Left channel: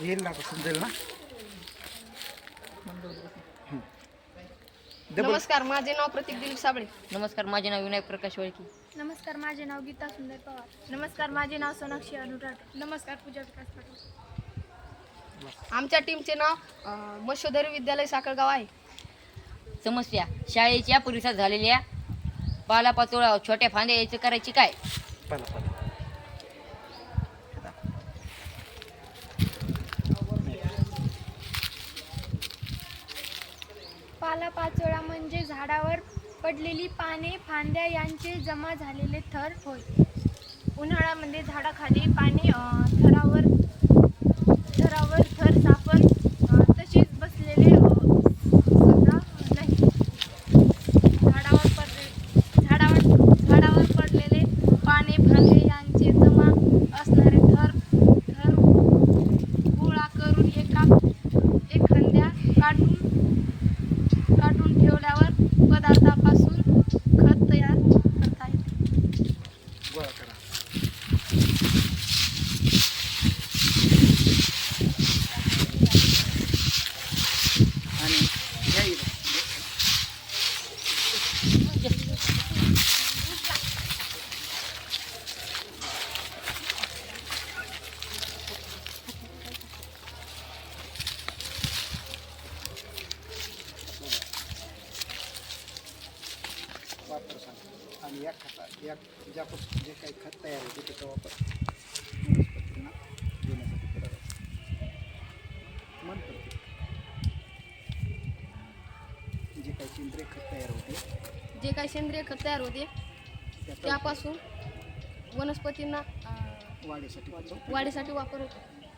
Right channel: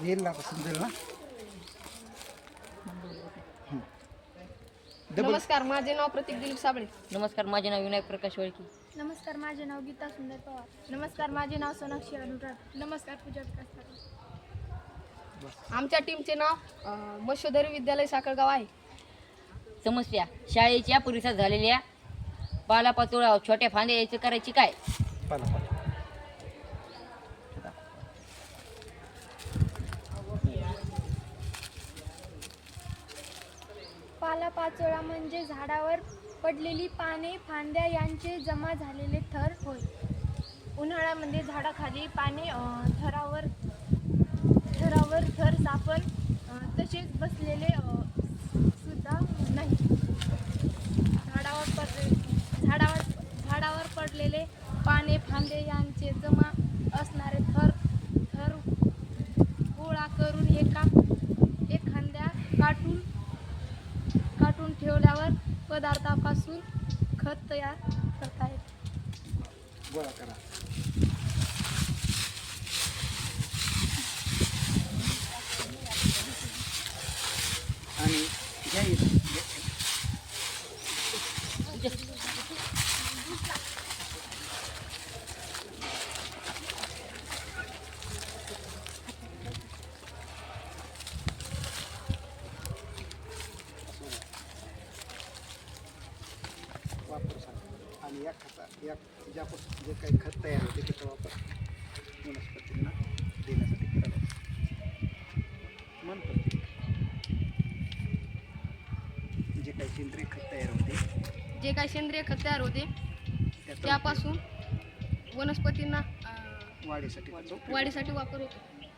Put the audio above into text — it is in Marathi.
येईल ना समजेल ना? नमस्कार माझे नाव प्रतीक दिलीप साबळे. नमस्कार माझे नाव विनायक प्रकाश वळकी. नमस्कार माझे नाव गीता सुंदर पवार. नमस्कार माझे नाव सोनाक्षी अनुराग. नमस्कार पूजा विकास ठाकूर आमच्या टीमचे नाव अं, मशोदरी विद्यालय साखरगाव आहे. समस्या शाळेच्या परिसरात झालेल्या पालापाचोळा छोट्या फांद्या यायचं करायची काय? पालापाचोळा म्हणजे झाडावर पडलेली पाने फांद्या यांचे जमा झालेले थर होय. उन्हाळ्यामध्ये झाडाखाली पाने थरावर थरावर थर सापड तसेच बसलेले सुद्धा नाही. झाडावर पडले झाडावर झाडावर पडलेले पाने फांदे या पदार्थापासून खत तयार करता येते. आणि या खता या ज्यापासून जे काही खत तयार होते त्याचा वापर वनस्पतींना देण्यासाठी करायचा नंतर जे काही सेंद्रिय खत तयार होते. जे काही सेंद्रिय खत तयार होते त्यापासून वनस्पतींना वाढीसाठी वाढीसाठी वापर होतो.